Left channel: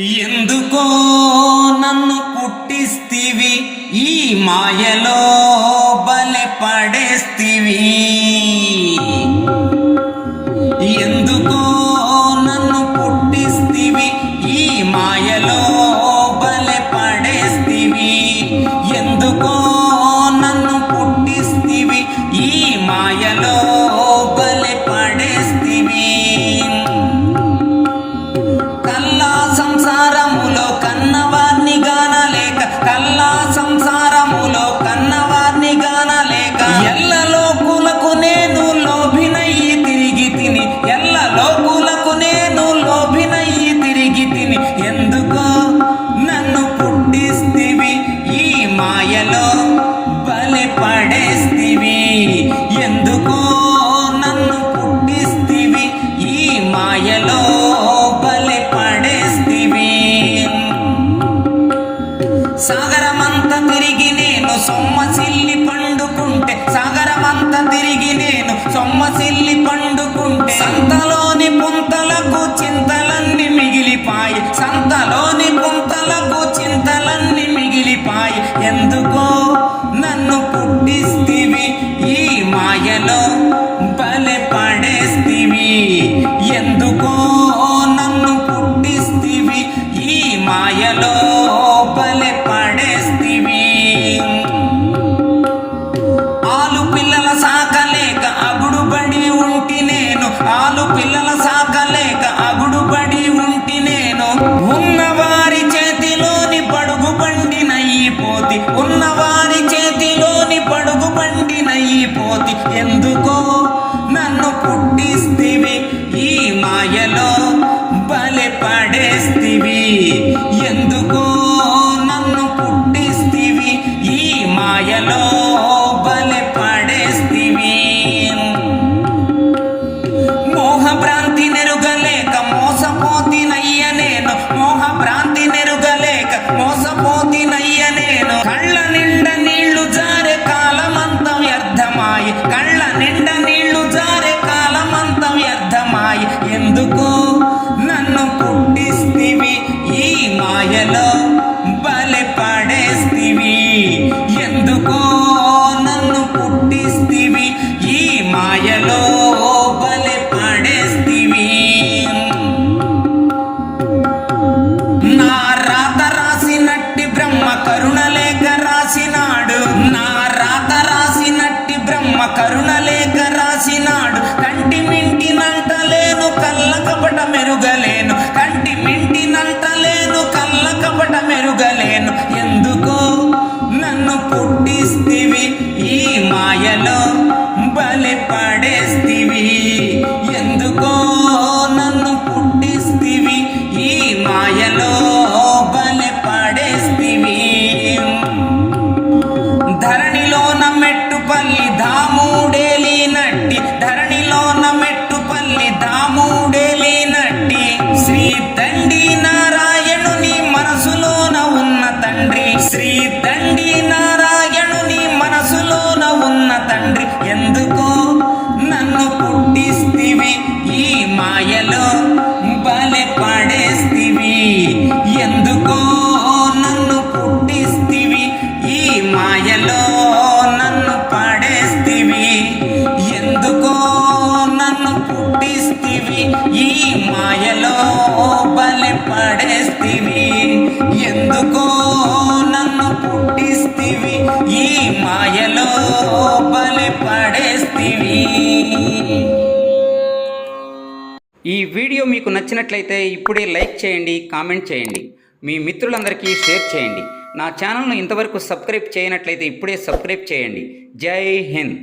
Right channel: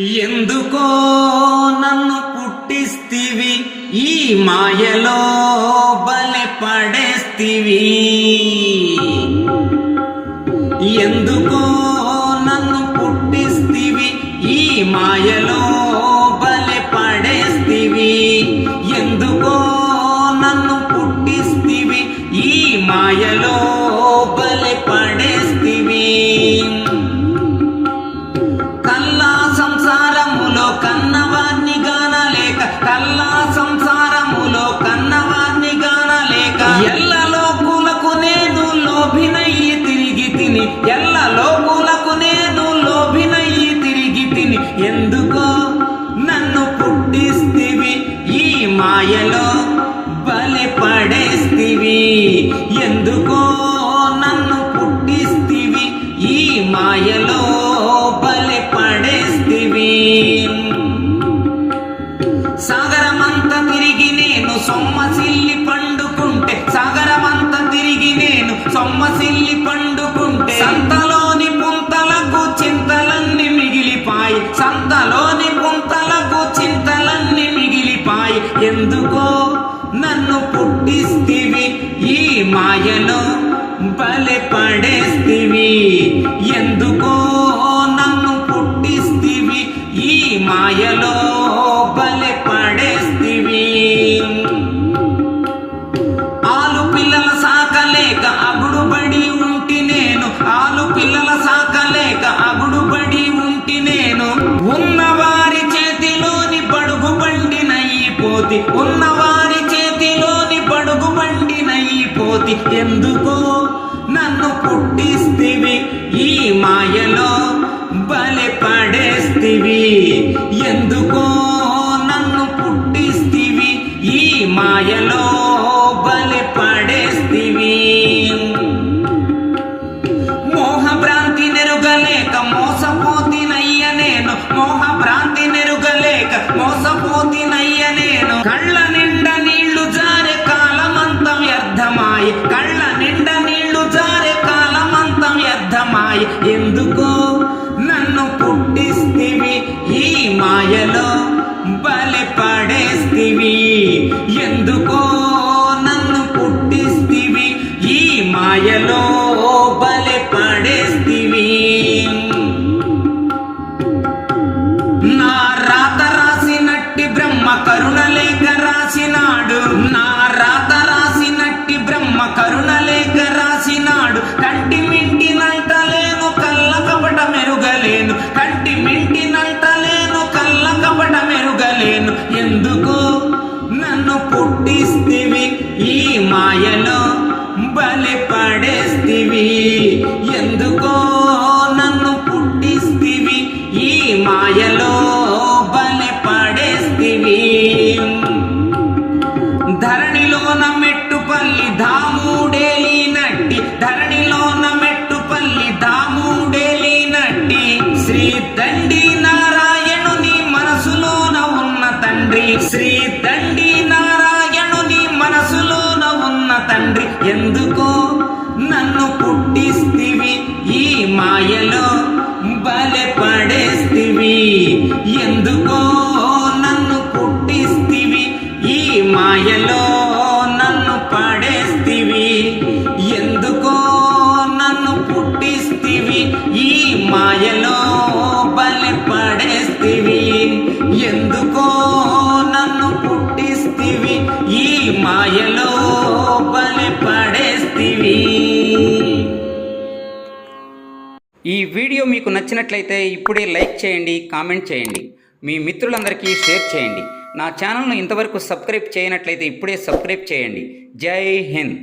ఎందుకో నన్ను పుట్టిస్తివి, ఈ మాయలో బలె పడేస్తివి. ఎందుకో నన్ను పుట్టిస్తివి, ఈ మాయలో బలె పడేస్తివి. ఎందుకో నన్ను పుట్టిస్తివి, ఈ మాయలో బలె పడేస్తివి. కల్లా సంసారములో కన్నవార్ని గానలేక, కల్లా సంసారములో కన్నవార్ని గానలేక, ఎల్ల లోకులకు నేను లోభినయ్యి తిరిగి తిని, ఎల్ల లోకులకు నేను లోభినయ్యి తిరిగి తిని. ఎందుకో నన్ను పుట్టిస్తివి, ఈ మాయలో బలె పడేస్తివి. ఎందుకో నన్ను పుట్టిస్తివి, ఈ మాయలో బలె పడేస్తివి. సాగరమంత తిరిగి నేను సొమ్మసిల్లి పండుకుంటే, సాగరమంత తిరిగి నేను సొమ్మసిల్లి పండుకుంటే, సంతలోని పుంతలకు చింతలన్నీ మిగిలిపాయి, సంతలోని పుంతలకు చింతలన్నీ మిగిలిపాయి. ఎందుకో నన్ను పుట్టిస్తివి, ఈ మాయలో బలె పడేస్తివి. ఎందుకో నన్ను పుట్టిస్తివి, ఈ మాయలో బలె పడేస్తివి. ఆలు పిల్లల సాకలేక అగుడుబడి ఉంటి నేను, ఆలు పిల్లల సాకలేక అగుడుబడి ఉంటి నేను. ఉన్నవారి చేతిలోని పడుగు బండి నయ్యిపోతి, ఉన్నవారి చేతిలోని పడుగు బండి నయ్యిపోతి. ఎందుకో నన్ను పుట్టిస్తివి, ఈ మాయలో బలె పడేస్తివి. ఎందుకో నన్ను పుట్టిస్తివి, ఈ మాయలో బలె పడేస్తివి. మోహ భ్రాంతి నెరుగలేక మోసపోతినయ్య నేను, మోహ భ్రాంతి నెరుగలేక మోసపోతినయ్య నేను. కళ్ళ నిండా నీళ్లు జారే కాలమంత వ్యర్థమాయి, కళ్ళ నిండా నీళ్లు జారే కాలమంత వ్యర్థమాయి. ఎందుకో నన్ను పుట్టిస్తివి, ఈ మాయలో బలె పడేస్తివి. ఎందుకో నన్ను పుట్టిస్తివి, ఈ మాయలో బలె పడేస్తివి. నా రాత రాసినట్టి బ్రహ్మ కరుణలేఖ రాసినాడు, నా రాత రాసినట్టి బ్రహ్మ కరుణలేఖ రాసినాడు. కంటి మింటి నంటలేను కళ్ళ కపట మెరుగలేను, కంటి మింటి నంటలేను కళ్ళ కపట మెరుగలేను. ఎందుకో నన్ను పుట్టిస్తివి, ఈ మాయలో బలె పడేస్తివి. ఎందుకో నన్ను పుట్టిస్తివి, ఈ మాయలో బలె పడేస్తివి. ధరణిలోన మెట్టుపల్లి ధాముడేలినట్టి, ధరణిలోన మెట్టుపల్లి ధాముడేలినట్టి. శ్రీ దండి నారాయణుని మనసులోన ఉన్న తండ్రి, శ్రీ దండి నారాయణుని మనసులోన ఉన్న తండ్రి. ఎందుకో నన్ను పుట్టిస్తివి, ఈ మాయలో బలె పడేస్తివి. ఎందుకో నన్ను పుట్టిస్తివి, ఈ మాయలో నన్ను పడేస్తివి. ఎందుకో నన్ను పుట్టిస్తివి, ఈ మాయలో బలె పడేస్తివి. ఎందుకో నన్ను పుట్టిస్తివి, ఈ మాయలో బలె పడేస్తివి. ఈ వీడియో మీకు నచ్చినట్లయితే ఇప్పుడే లైక్ చేయండి, కామెంట్ చేయండి, మీ మిత్రులందరికీ షేర్ చేయండి. నా ఛానల్ను ఇంతవరకు సబ్స్క్రైబ్ చేయనట్లయితే ఇప్పుడే సబ్స్క్రైబ్ చేయండి. జై హింద్.